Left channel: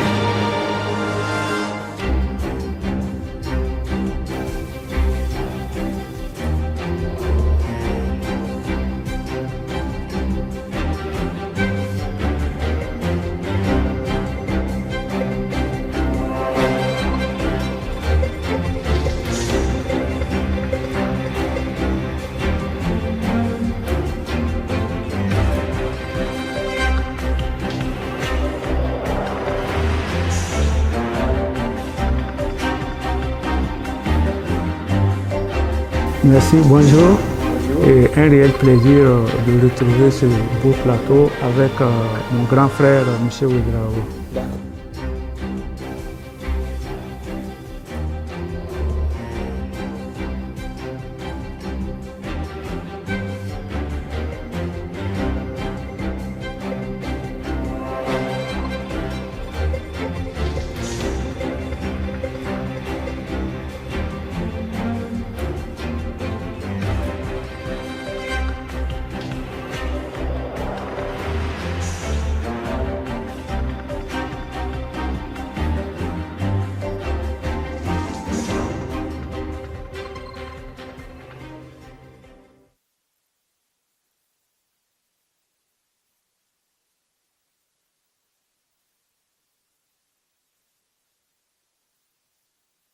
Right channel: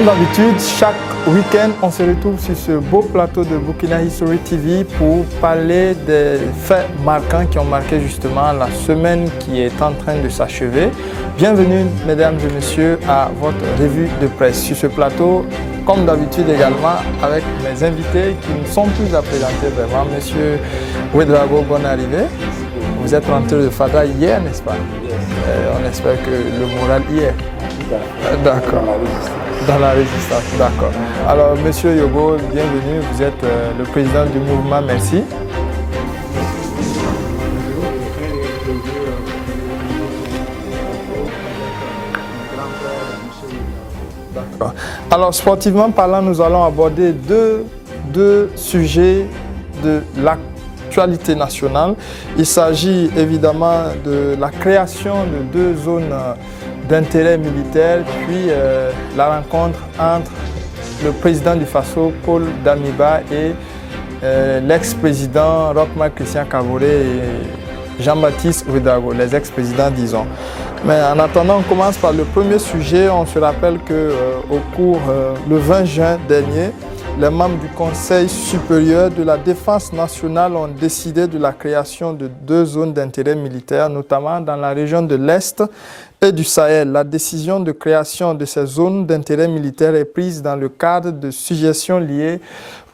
Comme d'habitude, chaque week-end, on se retrouve sur ce beau plateau de Burkina History TV pour parler des faits marquants qui ont marqué justement la semaine qui est en train de s'achever. Bienvenue, mesdames et messieurs, à votre revue de presse. Sur ce plateau, comme d'habitude également, avec mes invités qui ne sont plus à présenter vraiment. Monsieur Ouedraogo, bonne arrivée. Vous êtes rentré de Fada hier, n'est-ce pas? On espère que le moral y est. D'accord. Dans la résistance, d'accord. Alors, Monsieur Yogo, bienvenue. Vous êtes le président du mouvement Merci. Merci, bonjour. Et un réel plaisir de retrouver ce beau plateau avec mon grand frère, M. Ouedraogo. D'accord. Alors, sportivement parlant, nous allons aborder deux sujets de l'actualité nationale. Il s'agit évidemment de la création de deux zones d'intérêt militaire, puis la rencontre entre le président du Faso, Paul Damiba, et l'ex-président Roch-Marc Christian Kaboré et Jean-Baptiste Ouedraogo, les ex-présidents, disons. Mais en attendant, on commence par le premier sujet. On se rappelle qu'au cours, le 20 juin dernier, les membres du Conseil supérieur de la défense nationale ont décidé de la création de deux zones d'intérêt militaire, notamment dans la région de l'Est et du Sahel. La décision de création de ces zones d'intérêt militaire est prise dans le cadre de suggestions liées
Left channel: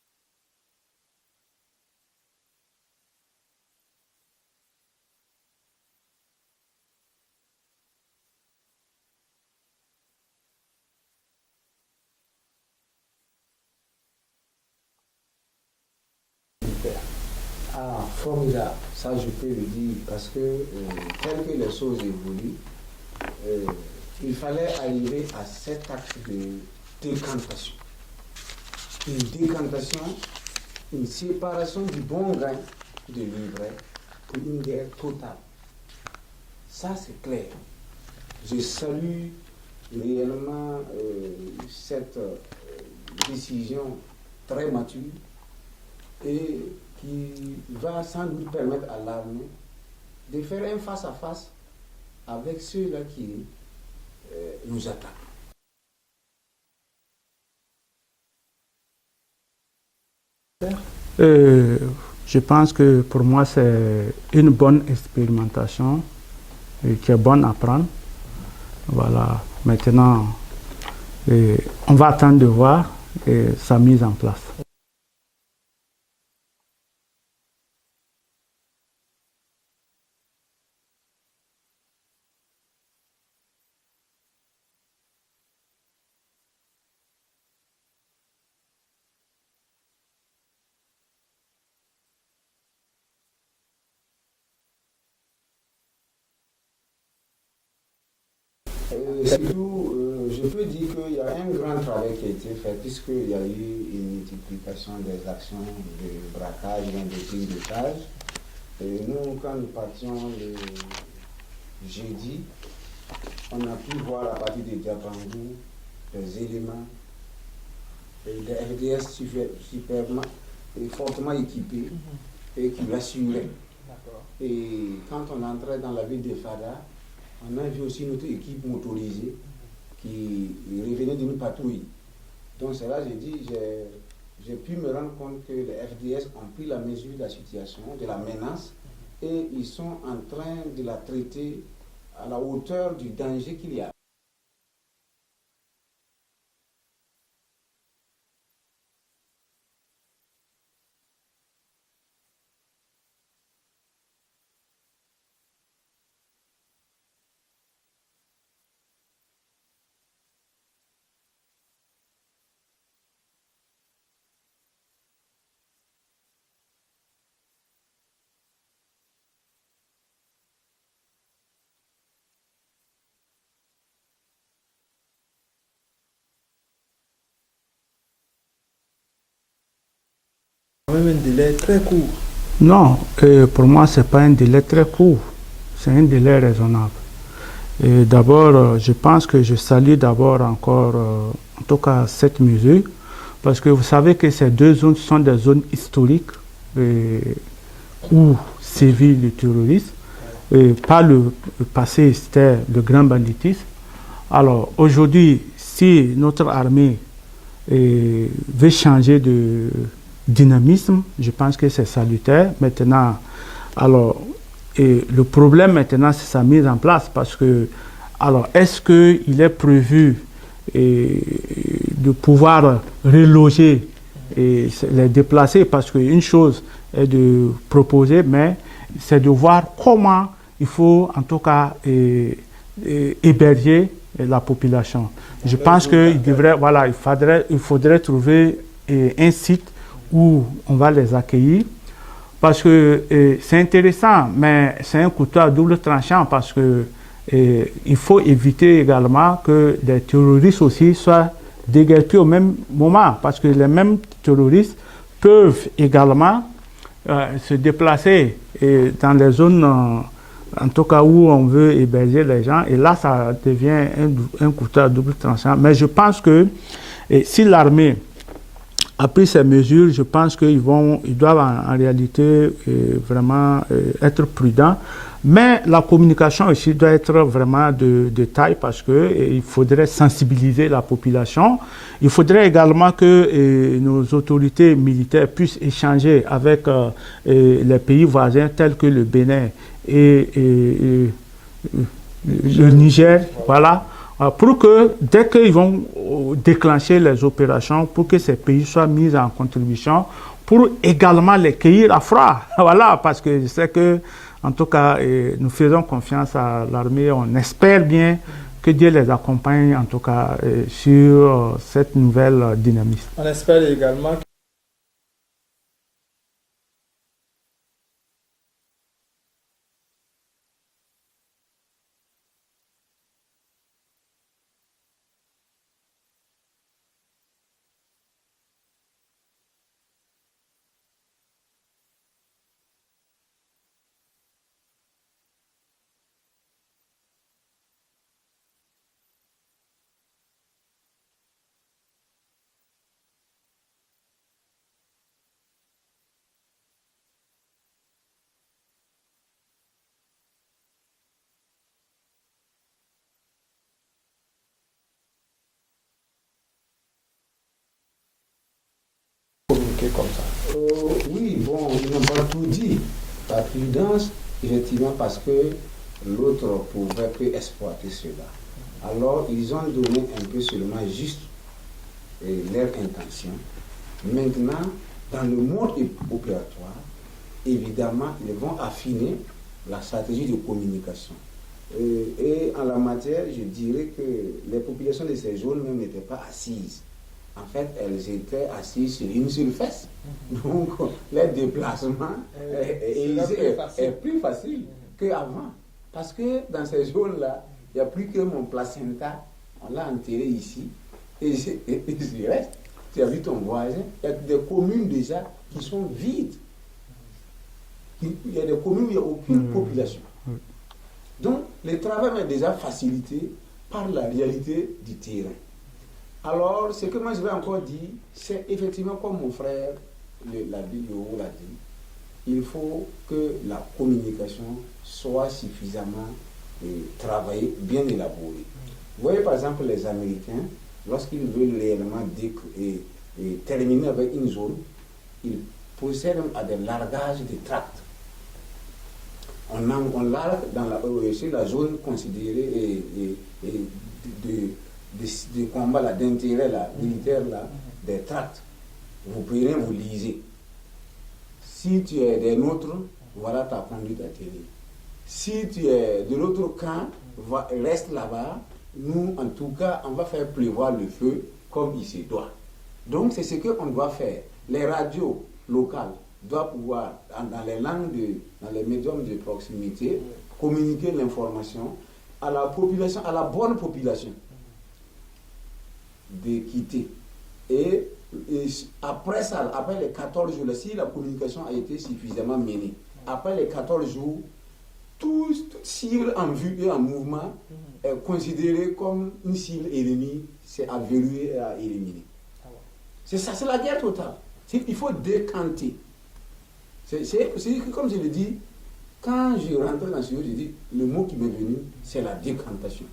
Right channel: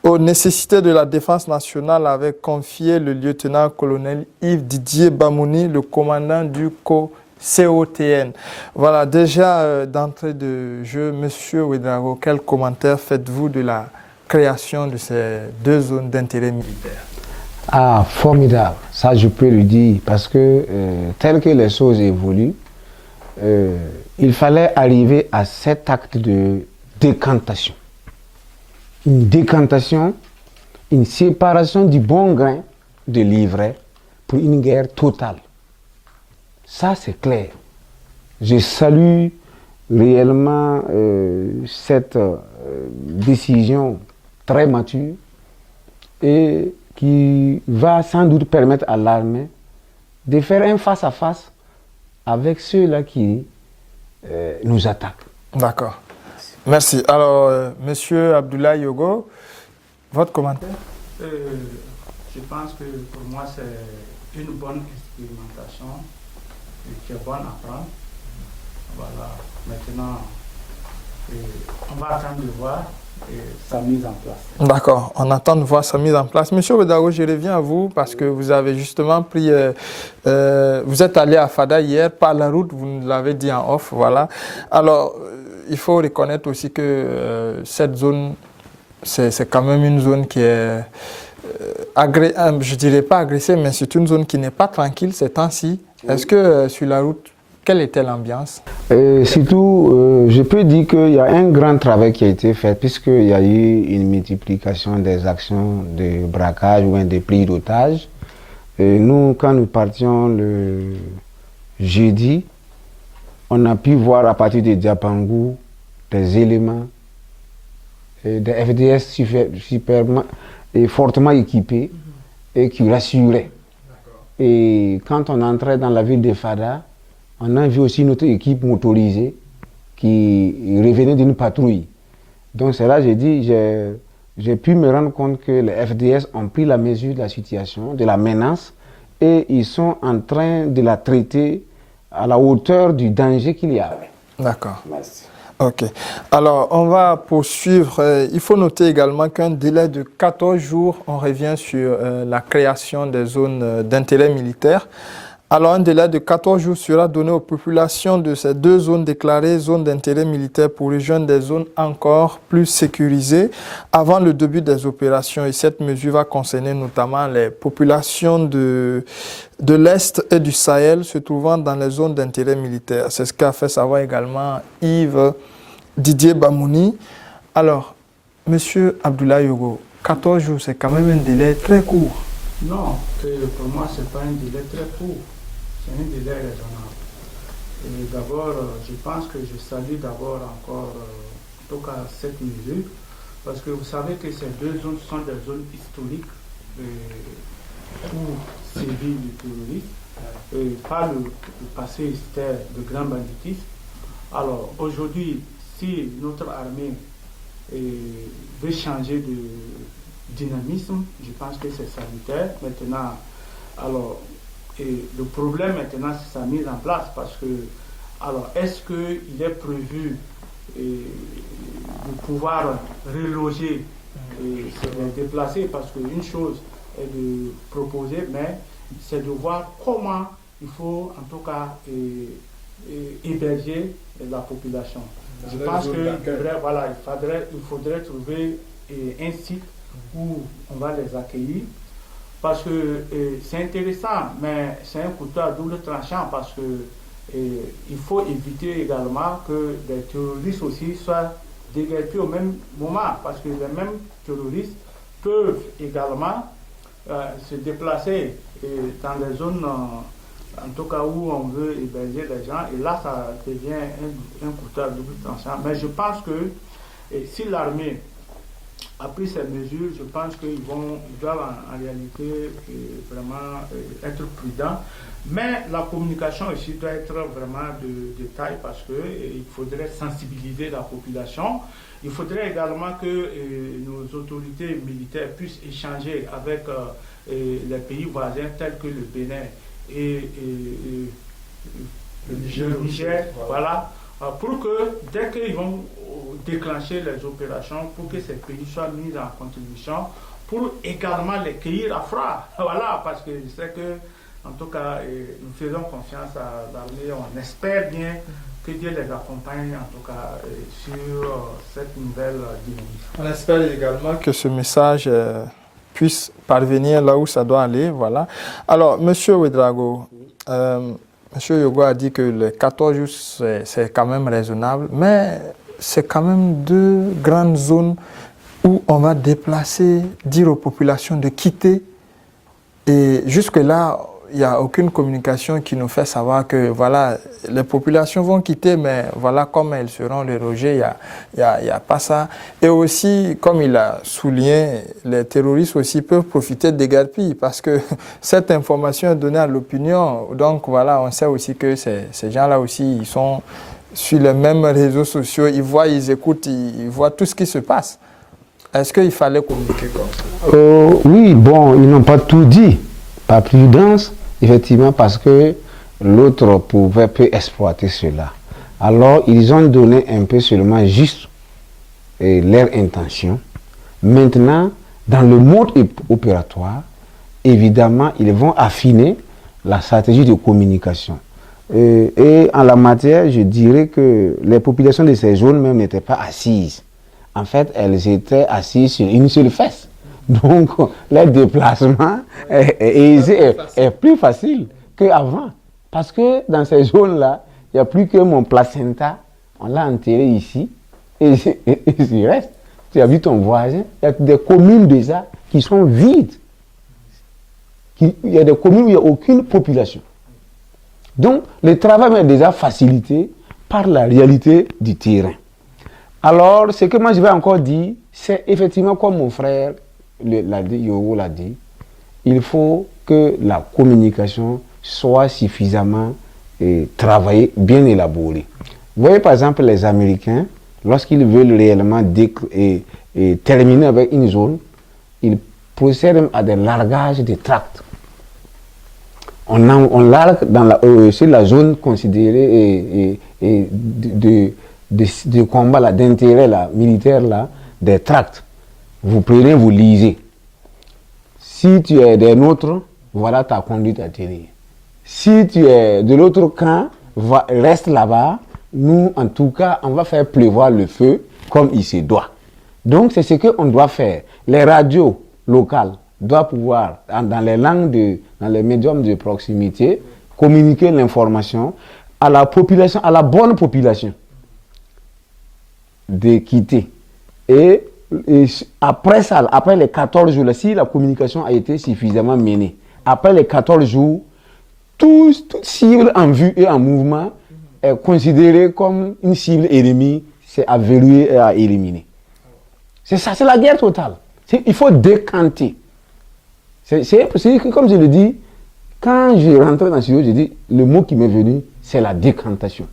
aux nécessités de la défense nationale, avait confié le lieutenant-colonel Yves Didier Bamouni, le commandant du COTN. Voilà, déjà d'entrée de jeu, Monsieur Ouedraogo, quel commentaire faites-vous de la création de ces deux zones d'intérêt militaire? Ah, formidable, ça je peux le dire, parce que tel que les choses évoluent, il fallait arriver à cet acte de décantation. Une décantation, une séparation du bon grain de l'ivraie pour une guerre totale. Ça, c'est clair. Je salue réellement cette décision très mature et qui va sans doute permettre à l'armée de faire un face-à-face avec ceux-là qui nous attaquent. D'accord. Merci. Alors, Monsieur Abdoulaye Yogo, votre commentaire? Je pense que pour moi, c'est une bonne expérimentation qui est bonne à prendre. Voilà. Maintenant, on va attendre de voir sa mise en place. D'accord, on attend de voir sa mise en place. Monsieur Ouedraogo, je reviens à vous parce que vous avez justement pris... vous êtes allé à Fada hier par la route, vous nous l'avez dit en off, voilà. Alors, il faut reconnaître aussi que cette zone, c'est quand même une zone qui est... je ne dirais pas agressée, mais c'est une zone qui n'est pas tranquille ces temps-ci. Est-ce que sur la route, quelle était l'ambiance? Surtout, je peux dire qu'il y a un grand travail qui a été fait puisqu'il y a eu une multiplication des actions de braquage ou des pris d'otages. Nous, quand nous partions le jeudi, on a pu voir à partir de Diapangou des éléments, des FDS superbement et fortement équipés et qui rassuraient. Et quand on entrait dans la ville de Fada, on a vu aussi notre équipe motorisée qui revenait d'une patrouille. Donc c'est là que j'ai dit, j'ai pu me rendre compte que les FDS ont pris la mesure de la situation, de la menace, et ils sont en train de la traiter à la hauteur du danger qu'il y avait. D'accord. Merci. Ok. Alors, on va poursuivre. Il faut noter également qu'un délai de 14 jours, on revient sur la création des zones d'intérêt militaire. Alors, un délai de 14 jours sera donné aux populations de ces deux zones déclarées zones d'intérêt militaire pour rejoindre des zones encore plus sécurisées avant le début des opérations. Et cette mesure va concerner notamment les populations de l'Est et du Sahel se trouvant dans les zones d'intérêt militaire. C'est ce qu'a fait savoir également Yves Didier Bamouni. Alors, Monsieur Abdoulaye Yogo, 14 jours, c'est quand même un délai très court. Non, pour moi, ce n'est pas un délai très court. C'est un délai raisonnable. D'abord, je pense que je salue d'abord encore, en tout cas, cette mesure, parce que vous savez que ces deux zones sont des zones historiques où sévit le terrorisme. Par le passé, c'était le grand banditisme. Alors, aujourd'hui, si notre armée veut changer de dynamisme, je pense que c'est salutaire. Maintenant, alors, le problème maintenant, c'est sa mise en place parce que, alors, est-ce qu'il est prévu de pouvoir reloger et les déplacer? Parce qu'une chose est de proposer, mais c'est de voir comment il faut en tout cas héberger la population. Je pense qu'il devrait, voilà, il faudrait trouver un site où on va les accueillir. Parce que c'est intéressant, mais c'est un couteau à double tranchant parce que il faut éviter également que des terroristes aussi soient déguerpis au même moment, parce que les mêmes terroristes peuvent également se déplacer dans les zones, en tout cas où on veut héberger les gens, et là ça devient un couteau à double tranchant. Mais je pense que si l'armée a pris ces mesures, je pense qu'ils doivent en réalité vraiment être prudents. Mais la communication ici doit être vraiment de taille parce qu'il faudrait sensibiliser la population. Il faudrait également que nos autorités militaires puissent échanger avec les pays voisins tels que le Bénin et le Niger. Voilà. Pour que, dès qu'ils vont déclencher les opérations, pour que ces pays soient mis en contribution, pour également les cueillir à froid. Voilà, parce que je sais que, en tout cas, nous faisons confiance à l'armée, on espère bien que Dieu les accompagne, en tout cas, sur cette nouvelle dynamique. On espère également que ce message puisse parvenir là où ça doit aller, voilà. Alors, Monsieur Ouédraogo, Monsieur Yogo a dit que les 14 jours, c'est quand même raisonnable, mais c'est quand même deux grandes zones où on va déplacer, dire aux populations de quitter. Et jusque-là, il n'y a aucune communication qui nous fait savoir que voilà, les populations vont quitter, mais voilà comment elles seront logées, il n'y a pas ça. Et aussi, comme il a souligné, les terroristes aussi peuvent profiter des déguerpis parce que cette information est donnée à l'opinion. Donc voilà, on sait aussi que ces gens-là aussi, ils sont sur les mêmes réseaux sociaux, ils voient, ils écoutent, ils voient tout ce qui se passe. Est-ce qu'il fallait communiquer comme ça? Oui, bon, ils n'ont pas tout dit. Par prudence, effectivement, parce que l'autre peut exploiter cela. Alors, ils ont donné un peu seulement juste leur intention. Maintenant, dans le mode opératoire, évidemment, ils vont affiner la stratégie de communication. Et en la matière, je dirais que les populations de ces zones même n'étaient pas assises. En fait, elles étaient assises sur une seule fesse. Donc, le déplacement est plus facile qu'avant. Parce que dans ces zones-là, il n'y a plus que mon placenta. On l'a enterré ici. Et il reste. Tu as vu ton voisin. Il y a des communes déjà qui sont vides. Il y a des communes où il n'y a aucune population. Donc, le travail est déjà facilité par la réalité du terrain. Alors, ce que moi je vais encore dire, c'est effectivement comme mon frère Yogo l'a dit, il faut que la communication soit suffisamment travaillée, bien élaborée. Vous voyez par exemple les Américains, lorsqu'ils veulent réellement terminer avec une zone, ils procèdent à des largages de tracts. On largue sur la zone considérée de combat, d'intérêt militaire, des tracts. Vous prenez, vous lisez. Si tu es des nôtres, voilà ta conduite à tenir. Si tu es de l'autre camp, reste là-bas. Nous, en tout cas, on va faire pleuvoir le feu comme il se doit. Donc, c'est ce qu'on doit faire. Les radios locales doivent pouvoir, dans les langues, dans les médiums de proximité, communiquer l'information à la population, à la bonne population, de quitter. Et après ça, après les 14 jours, si la communication a été suffisamment menée, après les 14 jours, toute cible en vue et en mouvement est considérée comme une cible ennemie, c'est à verrouiller et à éliminer. C'est ça, c'est la guerre totale. Il faut décanter. C'est comme je le dis, quand je rentrais dans ce studio, je dis, le mot qui m'est venu, c'est la décantation.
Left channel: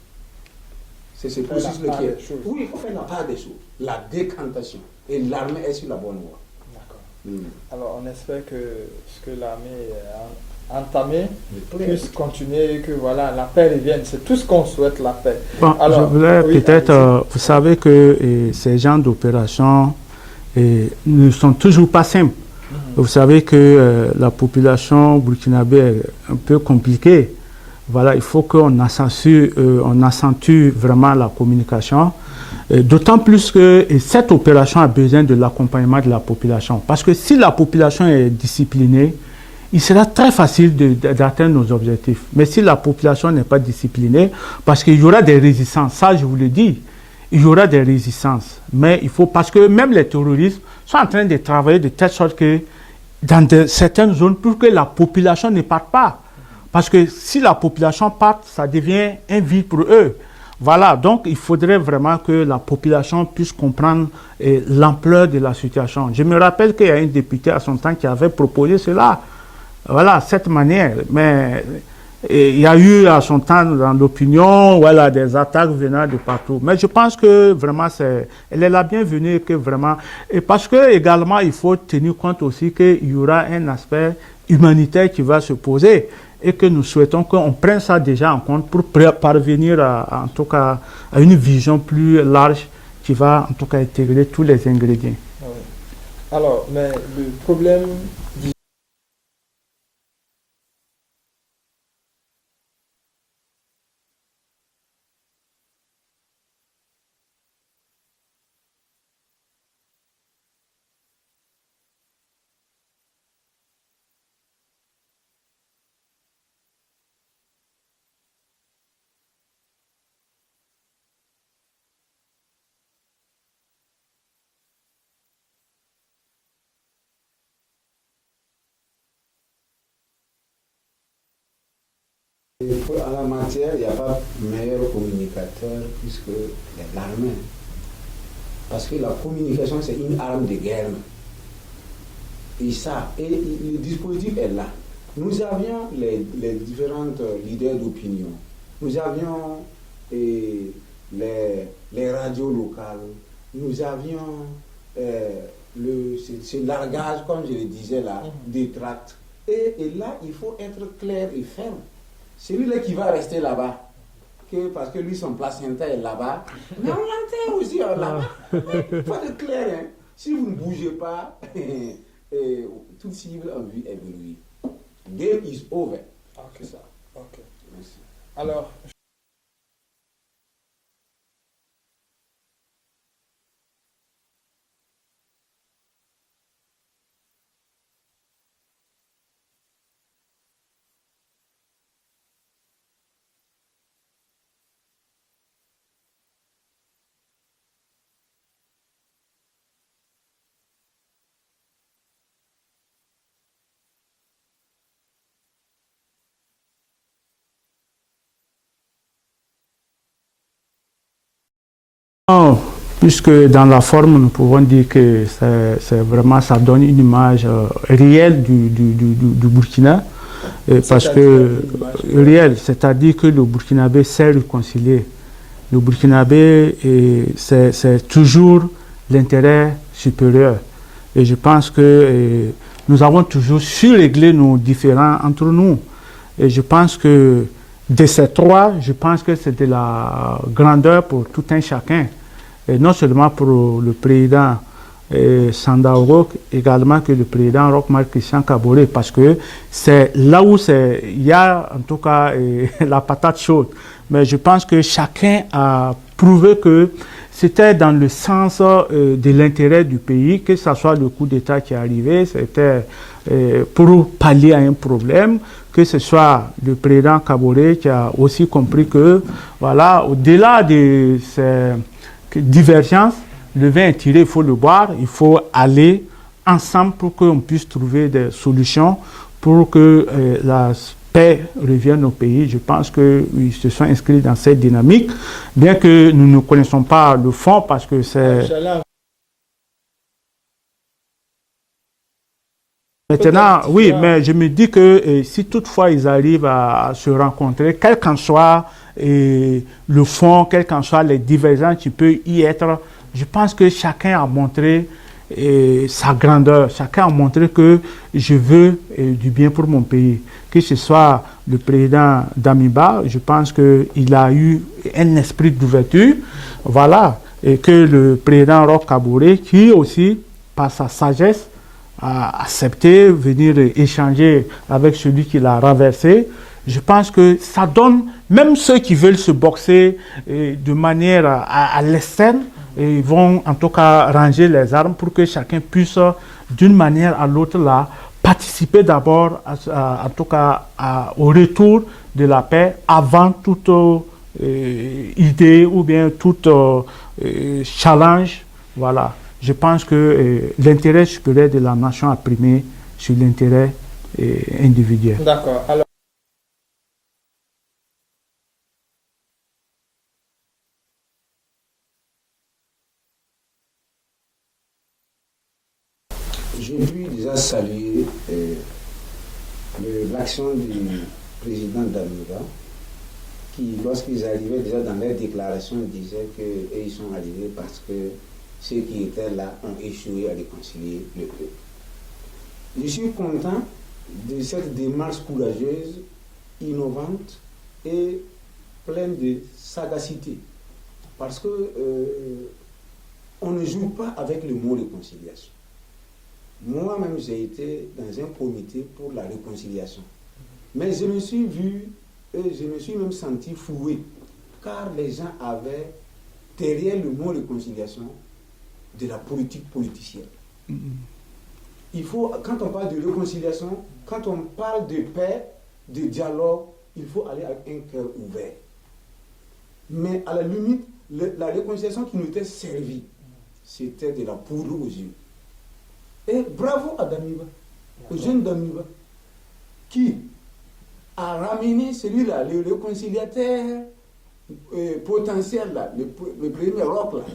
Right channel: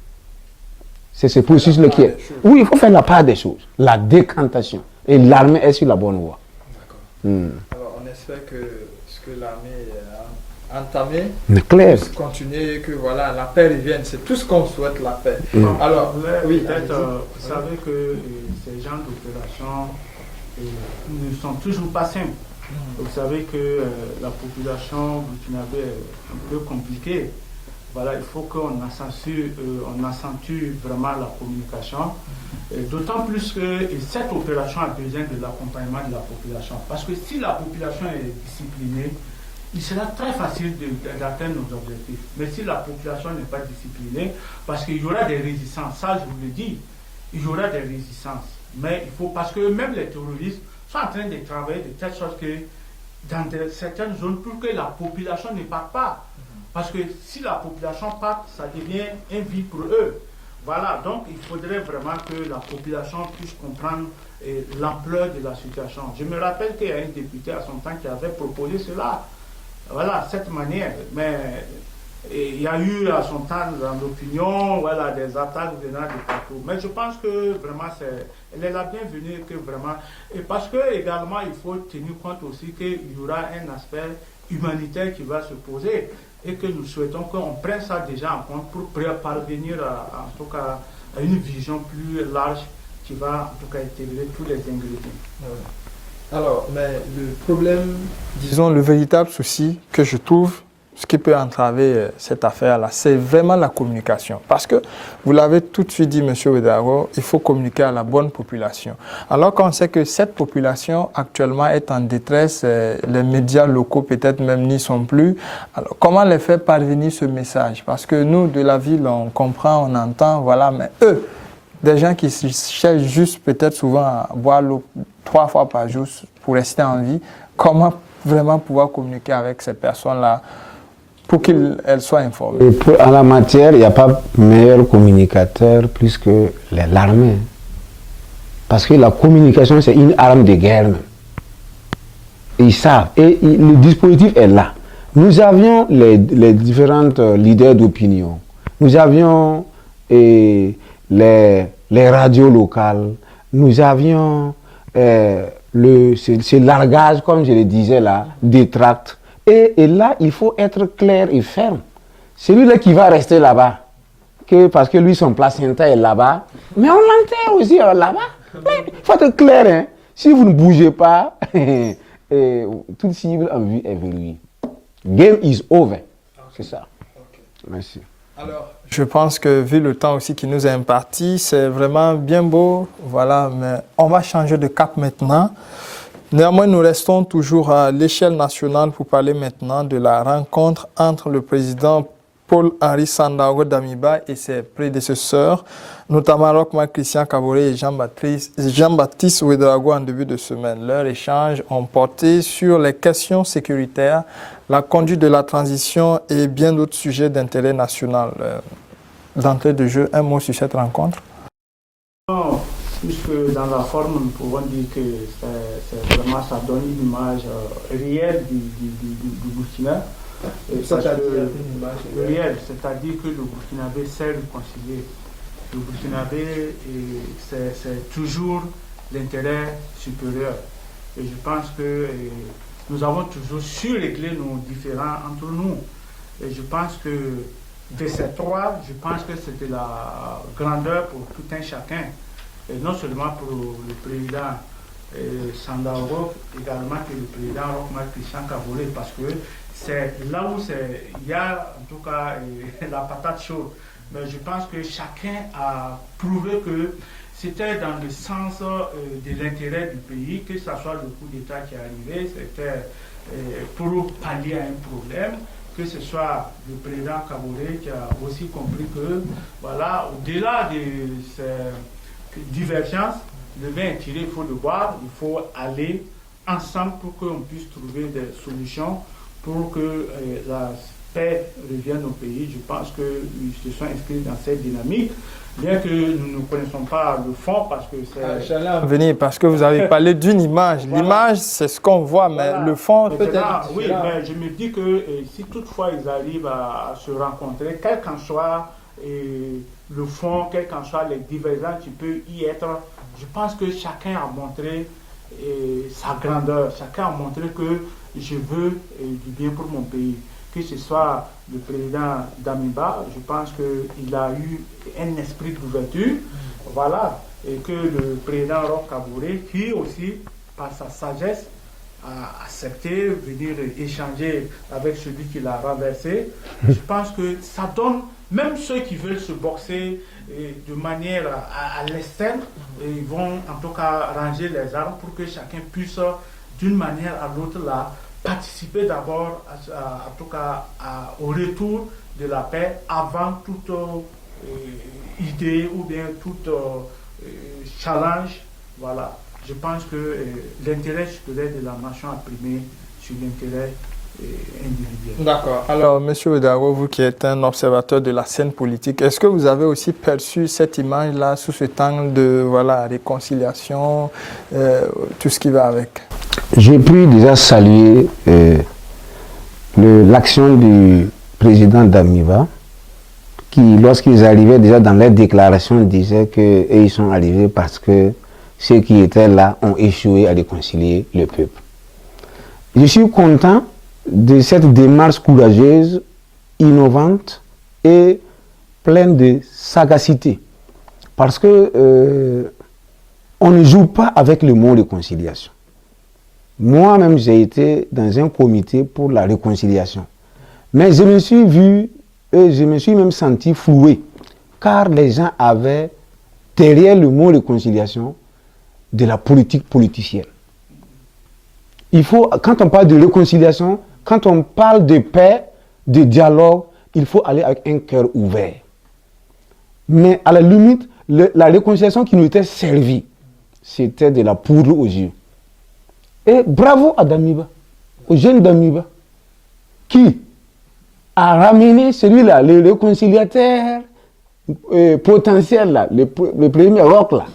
C'est ce processus-là qui est... Oui, il faut faire la part des choses, la décantation. Et l'armée est sur la bonne voie. D'accord. Alors, on espère que ce que l'armée a entamé puisse continuer et que voilà, la paix revienne. C'est tout ce qu'on souhaite, la paix. Bon, alors, je voulais peut-être, vous savez que ces genres d'opérations ne sont toujours pas simples. Vous savez que la population burkinabé est un peu compliquée. Voilà, il faut qu'on accentue vraiment la communication. D'autant plus que cette opération a besoin de l'accompagnement de la population. Parce que si la population est disciplinée, il sera très facile d'atteindre nos objectifs. Mais si la population n'est pas disciplinée, parce qu'il y aura des résistances, ça je vous le dis, il y aura des résistances. Mais il faut, parce que même les terroristes sont en train de travailler de telle sorte que dans certaines zones, pour que la population ne parte pas. Parce que si la population part, ça devient un vide pour eux. Voilà, donc il faudrait vraiment que la population puisse comprendre l'ampleur de la situation. Je me rappelle qu'il y a un député à son temps qui avait proposé cela. Voilà, cette manière. Mais il y a eu à son temps dans l'opinion, voilà, des attaques venant de partout. Mais je pense que vraiment, elle est la bienvenue, que vraiment. Et parce que également, il faut tenir compte aussi qu'il y aura un aspect humanitaire qui va se poser. Et que nous souhaitons qu'on prenne ça déjà en compte pour parvenir en tout cas, à une vision plus large qui va en tout cas intégrer tous les ingrédients. Oui. Alors, mais le problème, disons le véritable souci que je trouve, ce qui peut entraver cette affaire-là, c'est vraiment la communication. Parce que, vous l'avez tout de suite dit, M. Ouedraogo, il faut communiquer à la bonne population. Alors qu'on sait que cette population actuellement est en détresse, les médias locaux peut-être même n'y sont plus. Alors, comment les faire parvenir ce message? Parce que nous, de la ville, on comprend, on entend, voilà, mais eux, des gens qui cherchent juste peut-être souvent à boire l'eau 3 fois par jour pour rester en vie, comment vraiment pouvoir communiquer avec ces personnes-là pour qu'elles soient informées? En la matière, il n'y a pas meilleur communicateur plus que l'armée. Parce que la communication, c'est une arme de guerre. Ils savent. Et le dispositif est là. Nous avions les différents leaders d'opinion. Nous avions les radios locales. Nous avions ce largage, comme je le disais là, des tracts. Et là, il faut être clair et ferme. Celui-là qui va rester là-bas, parce que lui, son placenta est là-bas, mais on l'enterre aussi là-bas. Il faut être clair, hein. Si vous ne bougez pas, toute cible en vue est verrouillée. Game is over. C'est ça. Okay. Merci. Alors, je pense que vu le temps aussi qui nous est imparti, c'est vraiment bien beau. Voilà, mais on va changer de cap maintenant. Néanmoins, nous restons toujours à l'échelle nationale pour parler maintenant de la rencontre entre le président Paul-Henri Sandaogo Damiba et ses prédécesseurs, notamment Roch-Marc Christian Kaboré et Jean-Baptiste Ouedraogo en début de semaine. Leurs échanges ont porté sur les questions sécuritaires, la conduite de la transition et bien d'autres sujets d'intérêt national. D'entrée de jeu, un mot sur cette rencontre? Oh, puisque dans la forme, nous pouvons dire que c'est vraiment, ça donne une image réelle du Burkina. Parce que réel, c'est-à-dire que le Burkinabé sait réconcilier. Le Burkinabé, c'est toujours l'intérêt supérieur. Et je pense que nous avons toujours su régler nos différends entre nous. Et je pense que de ces trois, je pense que c'est de la grandeur pour tout un chacun. Et non seulement pour le président Sandaogo, également que le président Roch-Marc Christian Kaboré, parce que c'est là où il y a en tout cas la patate chaude. Mais je pense que chacun a prouvé que c'était dans le sens de l'intérêt du pays, que ce soit le coup d'État qui est arrivé, c'était pour pallier à un problème, que ce soit le président Kaboré qui a aussi compris que, voilà, au-delà de ces divergences, le vin est tiré, il faut le boire, il faut aller ensemble pour qu'on puisse trouver des solutions pour que la paix revienne au pays. Je pense qu'ils se sont inscrits dans cette dynamique, bien que nous ne connaissons pas le fond parce que c'est... J'allais en venir parce que vous avez parlé d'une image. Voilà. L'image, c'est ce qu'on voit, mais le fond... Maintenant, oui, mais je me dis que si toutefois ils arrivent à se rencontrer, quel qu'en soit le fond, quelles qu'en soient les divergences qui peuvent y être. Je pense que chacun a montré sa grandeur. Chacun a montré que je veux du bien pour mon pays. Que ce soit le président Damiba, je pense qu'il a eu un esprit d'ouverture. Voilà. Et que le président Roch Kaboré, qui aussi, par sa sagesse, a accepté venir échanger avec celui qui l'a renversé. Je pense que ça donne, même ceux qui veulent se boxer de manière à l'externe, ils vont en tout cas ranger les armes pour que chacun puisse, d'une manière à l'autre, là, participer d'abord, en tout cas, au retour de la paix avant toute idée ou bien tout challenge. Voilà. Je pense que l'intérêt supérieur de la nation a primé sur l'intérêt individuel. D'accord. Alors, M. Ouedraogo, vous qui êtes un observateur de la scène politique, est-ce que vous avez aussi perçu cette image-là sous cet angle de réconciliation, tout ce qui va avec? J'ai pu déjà saluer l'action du président Damiba, qui, lorsqu'ils arrivaient déjà dans leur déclaration, disaient qu'ils sont arrivés parce que ceux qui étaient là ont échoué à réconcilier le peuple. Je suis content de cette démarche courageuse, innovante et pleine de sagacité. Parce que on ne joue pas avec le mot réconciliation. Moi-même, j'ai été dans un comité pour la réconciliation. Mais je me suis vu, et je me suis même senti floué, car les gens avaient, derrière le mot réconciliation, de la politique politicienne. Il faut, quand on parle de réconciliation, quand on parle de paix, de dialogue, il faut aller avec un cœur ouvert. Mais à la limite, la réconciliation qui nous était servie, c'était de la poudre aux yeux. Et bravo à Damiba, au jeune Damiba, qui a ramené celui-là, le réconciliateur potentiel, là, le premier roc, là.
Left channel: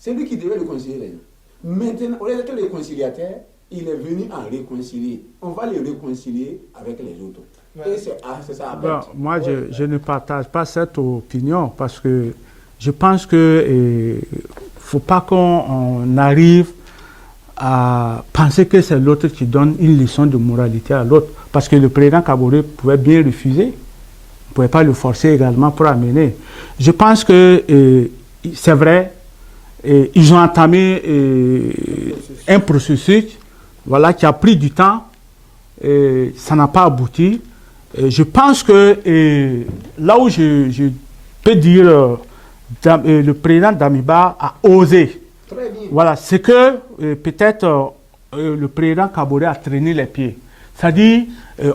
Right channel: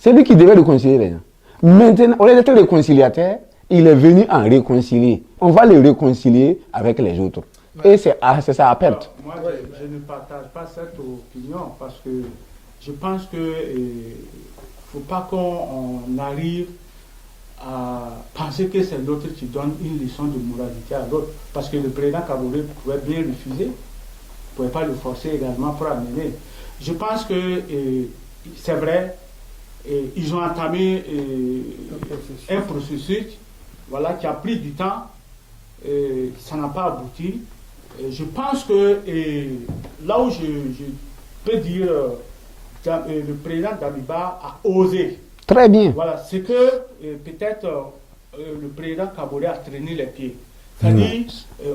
C'est lui qui devait réconcilier les gens. Maintenant, au lieu d'être réconciliateur, il est venu en réconcilier. On va le réconcilier avec les autres. Ouais. Et c'est ça à perdre. Moi, je ne partage pas cette opinion parce que je pense qu'il ne faut pas qu'on arrive à penser que c'est l'autre qui donne une leçon de moralité à l'autre. Parce que le président Kaboré pouvait bien refuser. On ne pouvait pas le forcer également pour amener. Je pense que c'est vrai. Et ils ont entamé un processus voilà, qui a pris du temps, et ça n'a pas abouti. Et je pense que là où je peux dire le président Damiba a osé. Très bien. Voilà, c'est que peut-être le président Kaboré a traîné les pieds. C'est-à-dire,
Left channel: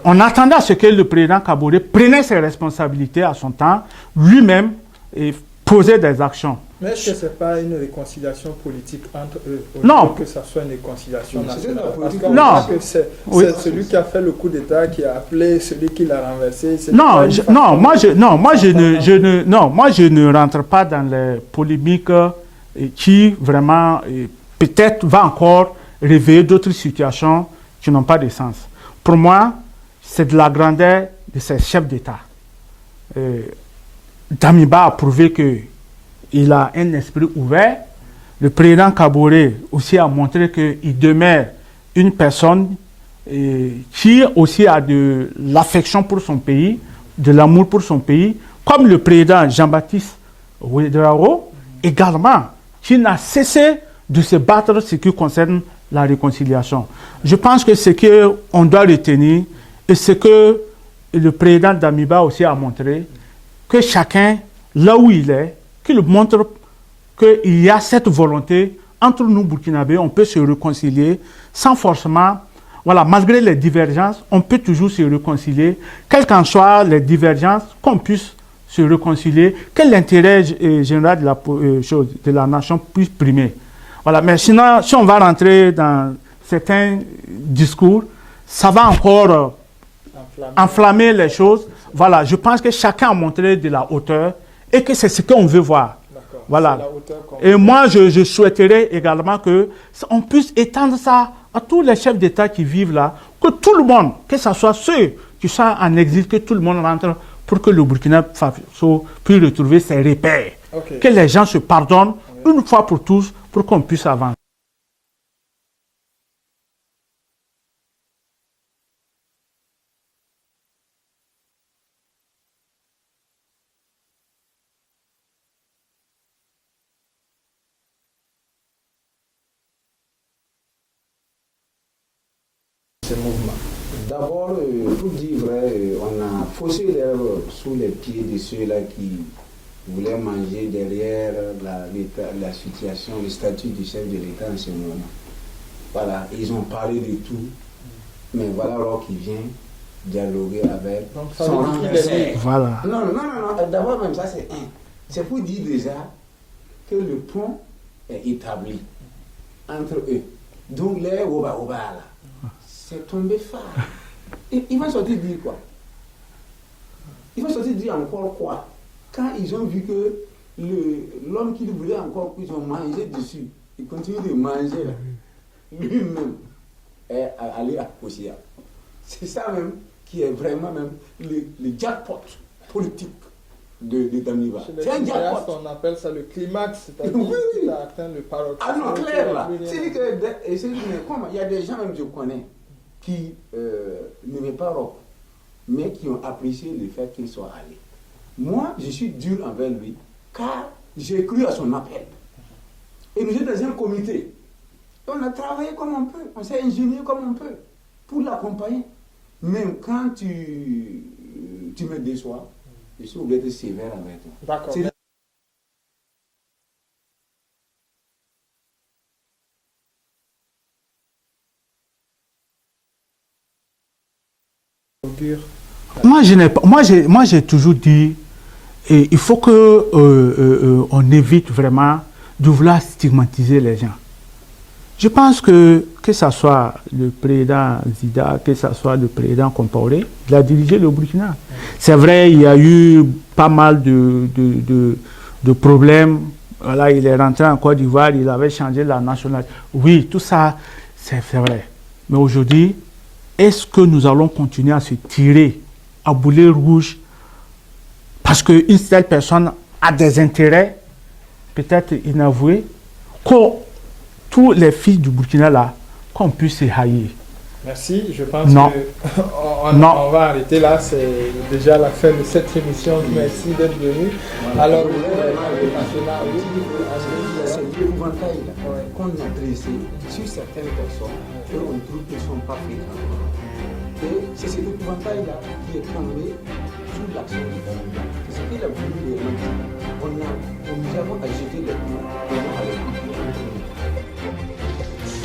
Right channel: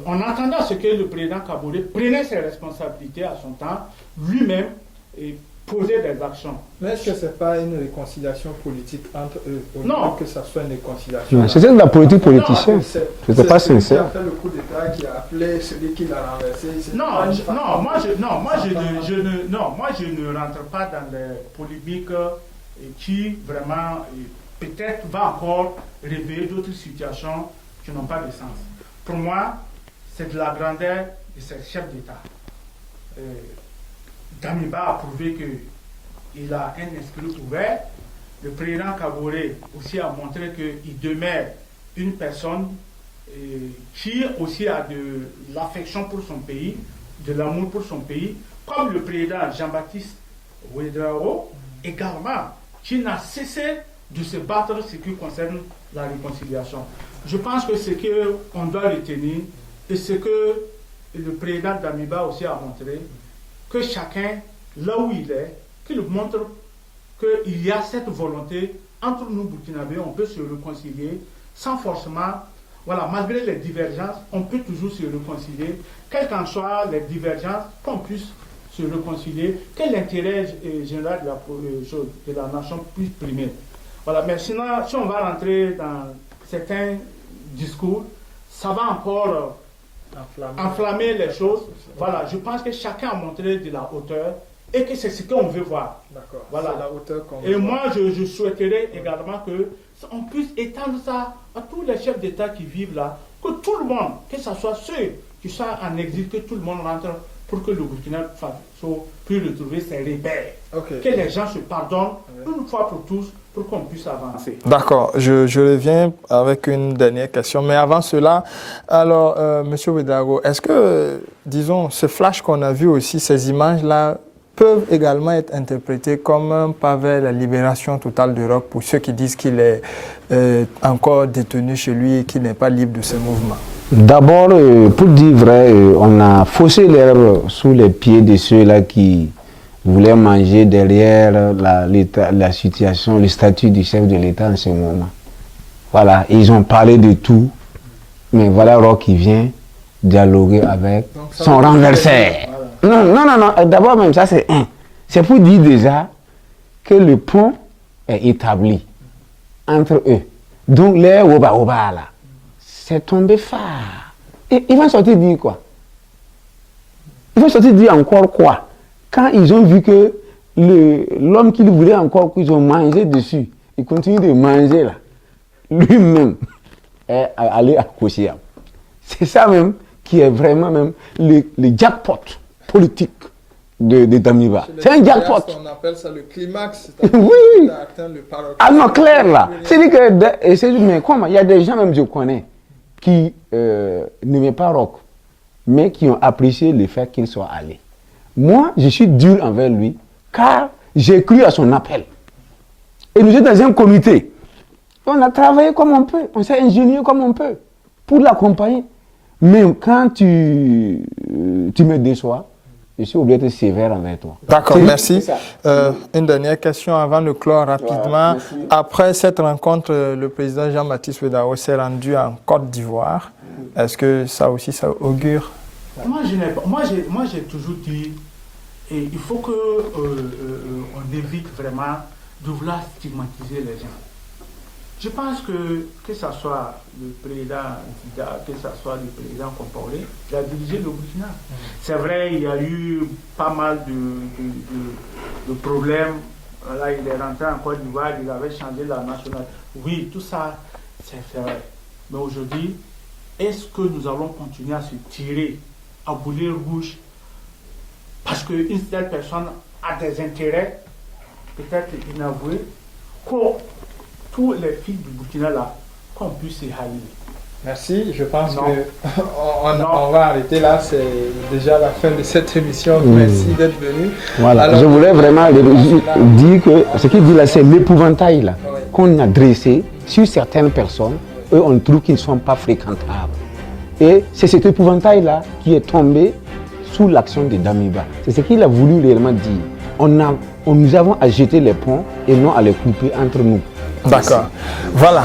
on attendait à ce que le président Kaboré prenne ses responsabilités à son temps, lui-même, et poser des actions. Mais est-ce que ce n'est pas une réconciliation politique entre eux? Non. Que ça soit une réconciliation. C'est de la politique politique. C'est celui qui a fait le coup d'État, qui a appelé celui qui l'a renversé. Moi je ne rentre pas dans les polémiques qui vraiment peut-être va encore réveiller d'autres situations qui n'ont pas de sens. Pour moi, c'est de la grandeur de ces chefs d'État. Damiba a prouvé qu'il a un esprit ouvert. Le président Kaboré aussi a montré qu'il demeure une personne qui aussi a de l'affection pour son pays, de l'amour pour son pays, comme le président Jean-Baptiste Ouedraogo, également, qui n'a cessé de se battre ce qui concerne la réconciliation. Je pense que ce qu'on doit retenir, et ce que le président Damiba aussi a montré, que chacun, là où il est, qu'il montre qu'il y a cette volonté entre nous Burkinabés, on peut se réconcilier sans forcément, voilà, malgré les divergences, on peut toujours se réconcilier, quelles qu'en soient les divergences, qu'on puisse se réconcilier, que l'intérêt général de la nation puisse primer. Voilà, mais sinon, si on va rentrer dans certains discours, ça va encore enflammer les choses. Voilà, je pense que chacun a montré de la hauteur et que c'est ce qu'on veut voir. Voilà. Et moi, je souhaiterais également qu'on puisse étendre ça à tous les chefs d'État qui vivent là, que tout le monde, que ce soit ceux qui sont en exil, que tout le monde rentre pour que le Burkina Faso puisse retrouver ses repères. Ok. Que les gens se pardonnent une fois pour tous pour qu'on puisse avancer. D'accord, je reviens avec une dernière question. Mais avant cela, alors, Monsieur Ouédraogo, est-ce que, disons, ce flash qu'on a vu aussi, ces images-là, peuvent également être interprétées comme un pas vers la libération totale du Roc pour ceux qui disent qu'il est encore détenu chez lui et qu'il n'est pas libre de ses mouvements? D'abord, pour dire vrai, on a faussé l'herbe sous les pieds de ceux-là qui voulaient manger derrière la situation, le statut du chef de l'État en ce moment. Voilà, ils ont parlé de tout, mais voilà Roch qui vient dialoguer avec son renversé. Voilà. Non, d'abord même ça c'est un. C'est pour dire déjà que le pont est établi entre eux. Donc les Oba là, c'est tombé phare. Et ils vont sortir dire quoi? Ils vont sortir dire encore quoi? Quand ils ont vu que l'homme qu'ils voulaient encore, qu'ils ont mangé dessus, il continue de manger là, lui-même est allé à Kossia. C'est ça même qui est vraiment même le jackpot politique de Damiba. C'est un jackpot. On appelle ça le climax, oui. a atteint le paroxysme. Ah non, clair là. C'est-à-dire que, mais comment? Il y a des gens même, je connais, qui n'aimaient pas Roch, mais qui ont apprécié le fait qu'il soit allé. Moi, je suis dur envers lui, car j'ai cru à son appel. Et nous sommes dans un comité. On a travaillé comme on peut, on s'est ingénié comme on peut, pour l'accompagner. Mais quand tu me déçois, je suis obligé d'être sévère envers toi. D'accord, merci. Une dernière question avant de clore rapidement. Après cette rencontre, le président Jean-Baptiste Ouédraogo s'est rendu en Côte d'Ivoire. Est-ce que ça aussi, ça augure? Moi, j'ai toujours dit, il faut que on évite vraiment de vouloir stigmatiser les gens. Je pense que ce soit le président Zida, que ce soit le président Compaoré, il a dirigé le Burkina. C'est vrai, il y a eu pas mal de problèmes. Là, il est rentré en Côte d'Ivoire, il avait changé la nationalité. Oui, tout ça, c'est vrai. Mais aujourd'hui, est-ce que nous allons continuer à se tirer à boulet rouge parce qu'une telle personne a des intérêts peut-être inavoués, que tous les fils du Burkina là, qu'on puisse se haïr? Merci, je pense qu'on va arrêter là, c'est déjà la fin de cette émission. Merci d'être venu. Voilà. Alors, je voulais vraiment dire que ce qu'il dit là, c'est l'épouvantail là, qu'on a dressé sur certaines personnes. Eux, on trouve qu'ils ne sont pas fréquentables. Et c'est cet épouvantail-là qui est tombé sous l'action de Damiba. C'est ce qu'il a voulu réellement dire. Nous avons à jeter les ponts et non à les couper entre nous. D'accord. Voilà,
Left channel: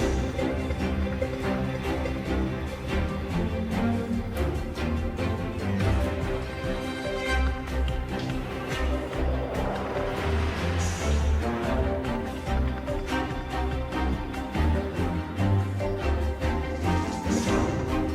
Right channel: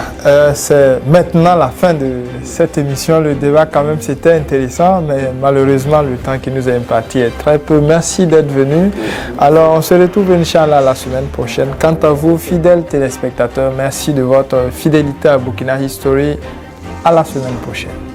c'est maintenant la fin de cette émission. Le débat, quand même, c'était intéressant, mais malheureusement, le temps qui nous est imparti est très peu. Merci d'être venu. Alors, on se retrouve, Inch'Allah, la semaine prochaine. Quant à vous, fidèles téléspectateurs, merci de votre fidélité à Burkina History. À la semaine prochaine.